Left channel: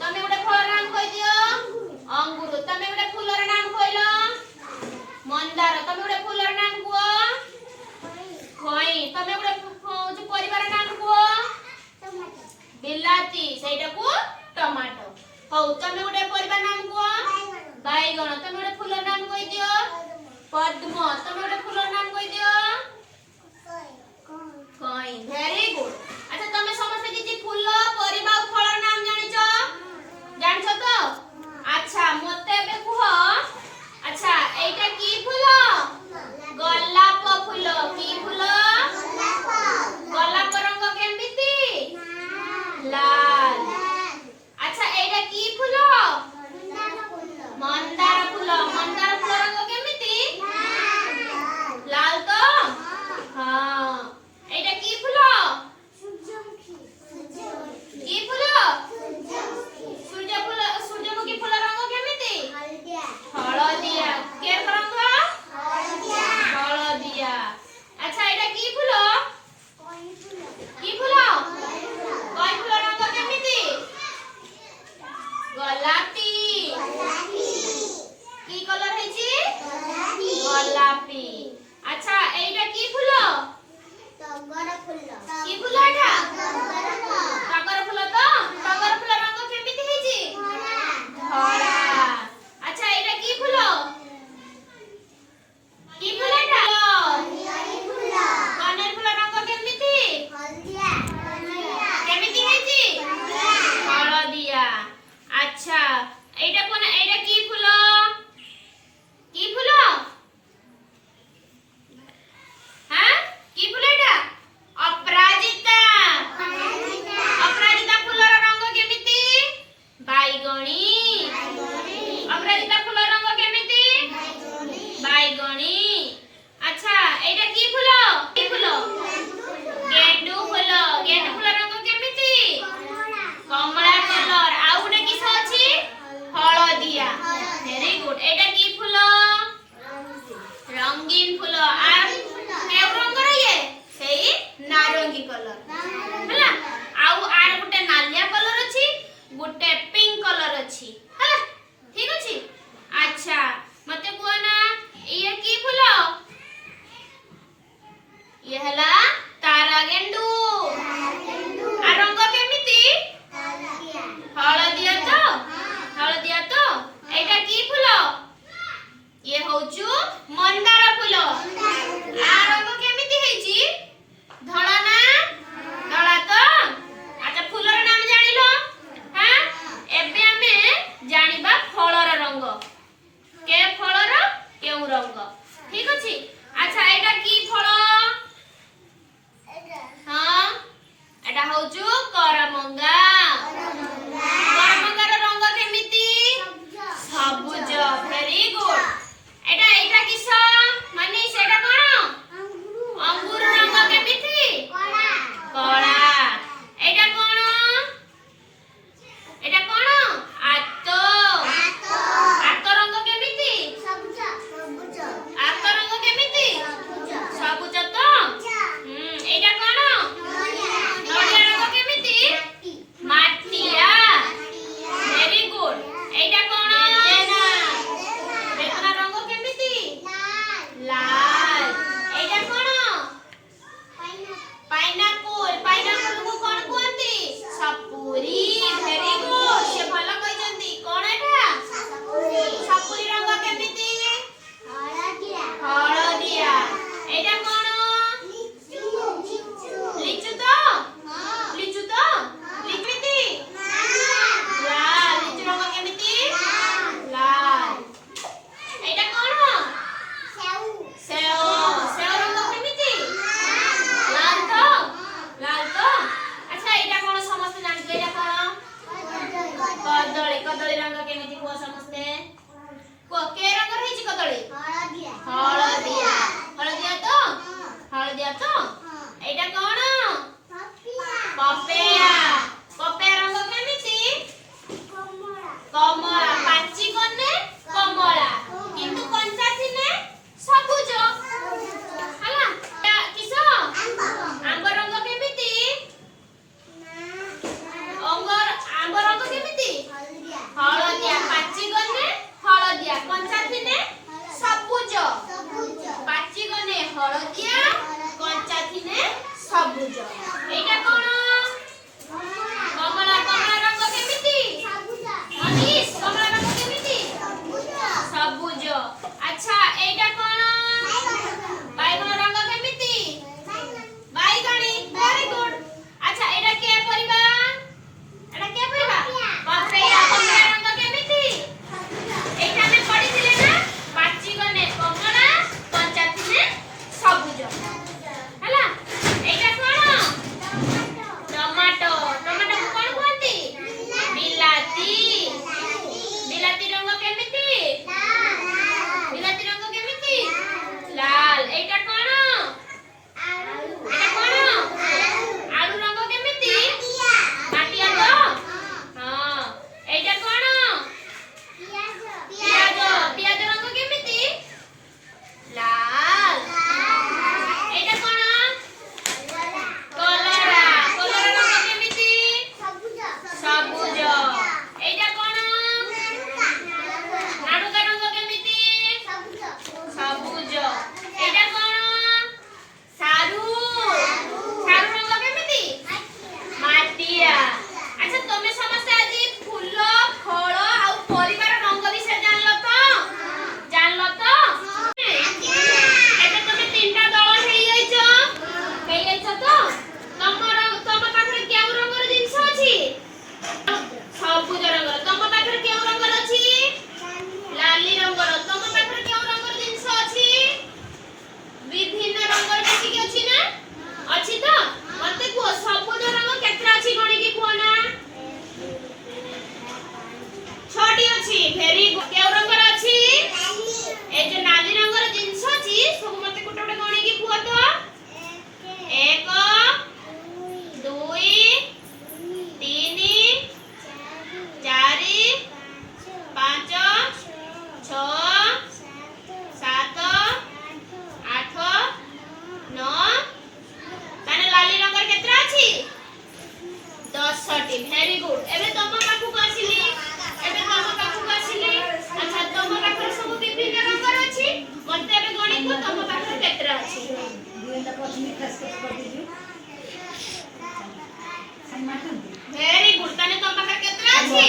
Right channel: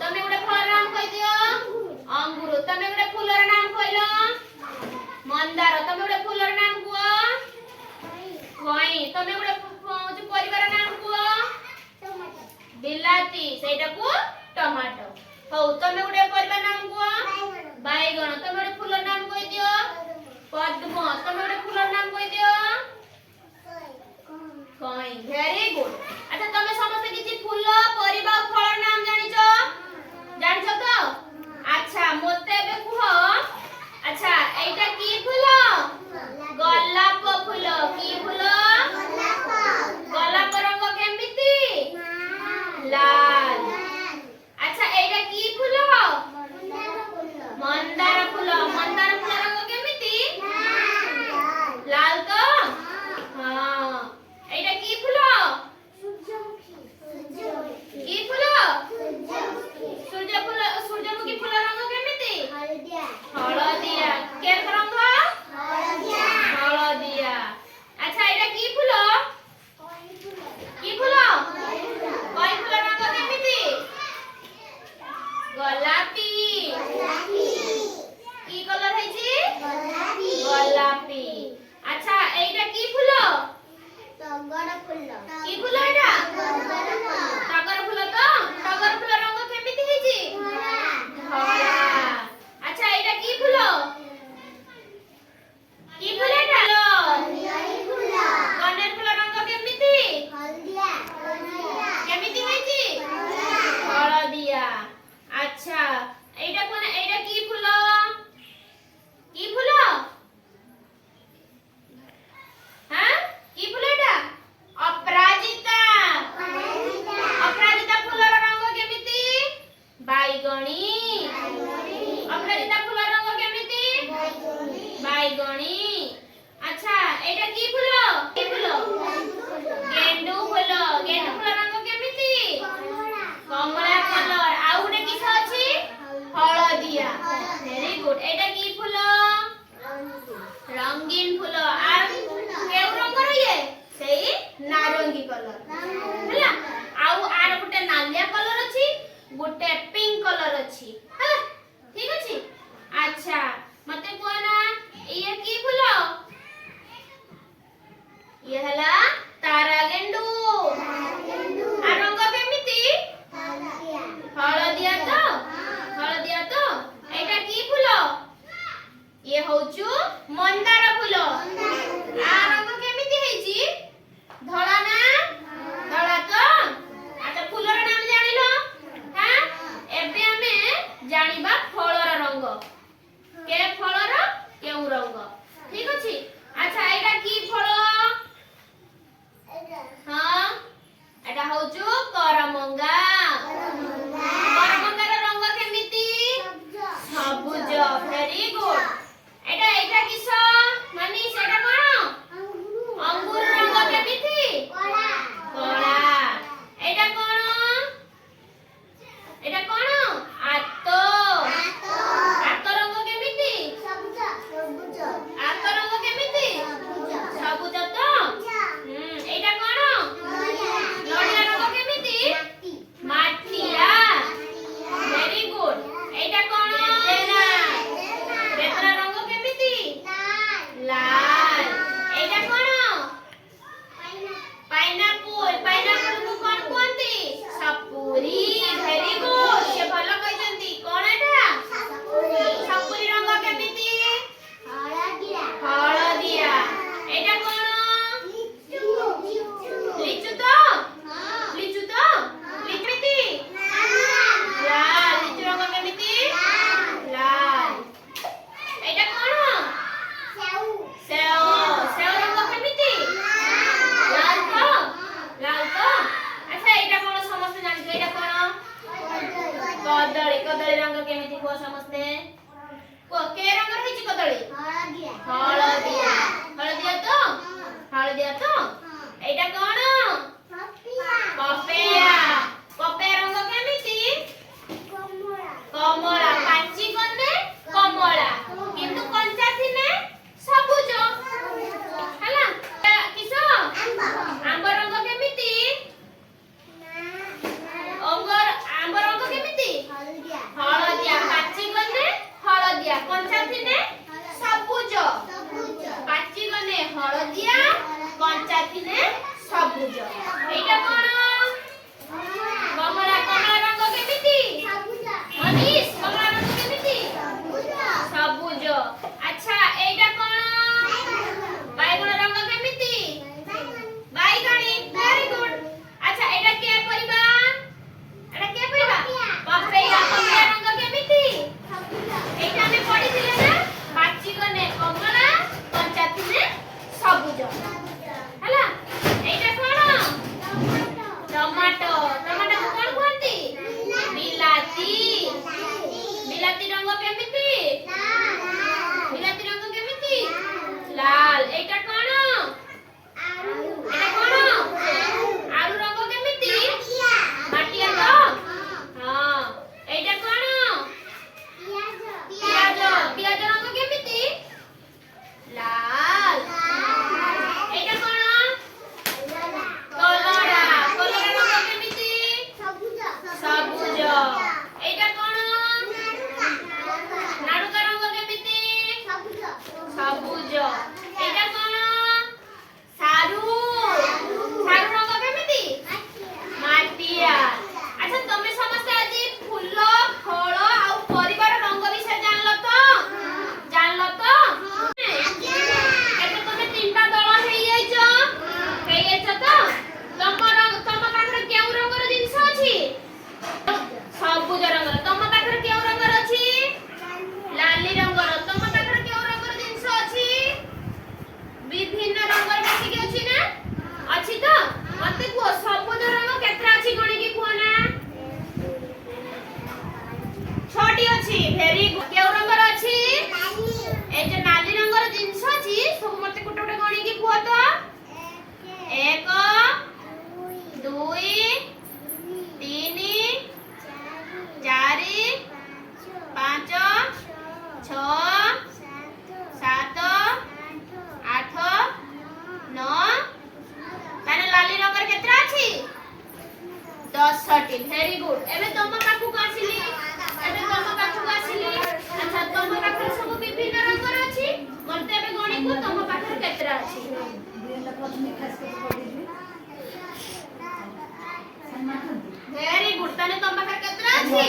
तमे गोटे फलर नाम कहि दियो अंगूर तमे गोटे फूलर नाम कहिलो मंदार तमे गोटे फूलर नाम कुओ खई तमे गोटे परिवार नाम कुओ बिलाती सेटा को टमाटो हौ तमे गोटे परिवार नाम कुओ बैगण तमे गोटे फूलर नाम कहि दियो पद्म तमे गोटे फूलर नाम कहि दियो कई वेरी गुड अच्छा तमे समस्त किछि फूल परिबा फलर नाम जानिछो तो अच्छा मोते बे कुह अच्छा एटा की फूल गोलाप फूल की फूल गोलाप रंग केमिति लाल अच्छा एटा की फूल मंदार फूल रंग केमिति लाल तो हां एटा की फूल की फूल सूर्यमुखी फूल रंग केमिति हळदिया के रंग हळदिया अच्छा एटा की फूल कई फूल रंग केमिति गोलापी की कलर हैछि गोलापी अच्छा एटा की फूल टगर फूल की फूल एटा टगर फूल तो टगर फूल रंग केमिति हैछि धला अच्छा एटा की फूल एटा कनेर फूल रंग केमिति हल्दिया केमिति हैछि हळदिया अच्छा एटा कोन एटा की फूल हां की फूल एटा अपराजिता फूलर रंग केमिति बैगणी अपराजिता फूलर रंग केमिति बैगणी अच्छा एटा की फूल गेंडू फूल रंग केमिति कमला कलर आ उडे किस अछि हळदिया वेरी गुड एटा की फूल रंगीन फूल आ केउ रंग ये सेई नारंगी कलर हला आउ आर गुटे नालिया कलर अछि गुटे पिंक कलर अछि हला ठीक अछि अच्छा मते को ना ये की फूल ये हला तारा गेंडू आ रंग केमिति हळदिया तो एटा की फूल ये होचु मंदार फूल आ रंग केमिति हैछि धळा ना धळा तो अच्छा फूलर नाम जानिलो हां एबे हमें जानिबा फलर रंग के फलर केउ रंग ठीक अछि अच्छा एटा की फल हां एटा होचु करमंगा करमंगार रंग केमिति सबुज वेरी गुड एटा किस माने सेटा कोन अंगूर रंग केमिति कला एटा कोन आतो रंग केमिति आतो रंग केमिति सबुज तो एटा कोन नडिया रंग केमिति माटिया वेरी गुड एटा कोन बेतना रंग केमिति लाल एटा कोन पाइनापल को कोन कोंती सपुरी वेरी गुड से भलो कहिजंती कोन एटा सपुरी रंग केमिति हळदिया एटा कोन लिचु तो लिचमिति लाल लिचु रंग केमिति लाल एटा कोन सेव रंग केमिति लाल तो अच्छा एटा कोन समस्त जानि एटा कोन कदली रंग केमिति को समस्ते को के रंग रहिछि कदली हळदिया तो एटा कोन पपेया रंग केमिति कमला पाची कोने कमला किंतु कंचा थिने सबुज हला किस आंब रंग केमिति आंब रंग केमिति হলদিয়া কঞ্চা থিলে সবুজ এইটা কোন কমলা কমলা রঙ কেমিতি মনীষ কমলা রঙ কেমিতি সবুজ আচ্ছা এইটা কোন বাইগণ রঙ কেমিতি বাইগণী ভেরি গুড আচ্ছা এটা কে পরিবা পপেয়া পপেয়া রঙ কেমিতি এইটা আমি পড়িছিলে না বাচি গনে কমলা কঞ্চা থিলে সবুজ ହେଲା এইটা কোন টমেটো টমেটো কোন কোনটি বিলাতি বিলাতি রঙ কেমিতি বিলাতি রঙ কেমিতি লাল এইটা কোন এটা কোন আলু রঙ কেমিতি মাটিয়া তো হ্যাঁ এইটা কোন পিয়াজ পিয়াজ রঙ কেমিতি লাল এইটা কোন কলরা কলরা রঙ কেমিতি সবুজ এইটা কোন নাড়ুকা রঙ কেমিতি সবুজ এইটা কোন সারু সারু রঙ কেমিতি মাটিয়া আচ্ছা তুমি ସମସ୍ତେ ଆଜି ଫୁଲ ଫଳ ଆଉ ପରିବାର ରଙ୍ଗ ବିଷୟରେ ଜାଣିଲ ତ ଏବେ ତମେ ତିନଟା ଦଳ ହେଇଯାଇଛ ତ ତମ ପାଖରେ କେଉଁ ରଙ୍ଗର ଜିନିଷ ଅଛି ସବୁଜ ରଙ୍ଗର ତମ ପାଖରେ କେଉଁ ରଙ୍ଗର ଅଛି ଲାଲି ରଙ୍ଗର ତମ ପାଖରେ କେଉଁ ରଙ୍ଗର ଜିନିଷ ଅଛି ବିଭିନ୍ନ ରଙ୍ଗର କେତିକି ଅଛି ନା ଅଛି ତ ମତେ କୁହ ସବୁଜ ରଙ୍ଗ କେତେଟା ଅଛି ଗଣିକି କୁହ ନା 6ଟି ଅଛି ଭେରି ଗୁଡ୍ କେଉଁ ରଙ୍ଗର ଅଛି এই যে নালি রঙর জিনিস আছে সব মতে কোটা কোটা গণিকি কুহ তো 1 2 3 4 5 6 7 8 9 তাহলে লালি রঙর কেতরা আছে 10টি ভেরি গুড এবে তোম পাখু আসিলি আচ্ছা তোম পাখরে সব বিভিন্ন রঙর আছে মতে এবে গণিকু তোম পাখরে কেতরা আছে ভেরি গুড তাহলে তোম পাখরে কেতরা আছে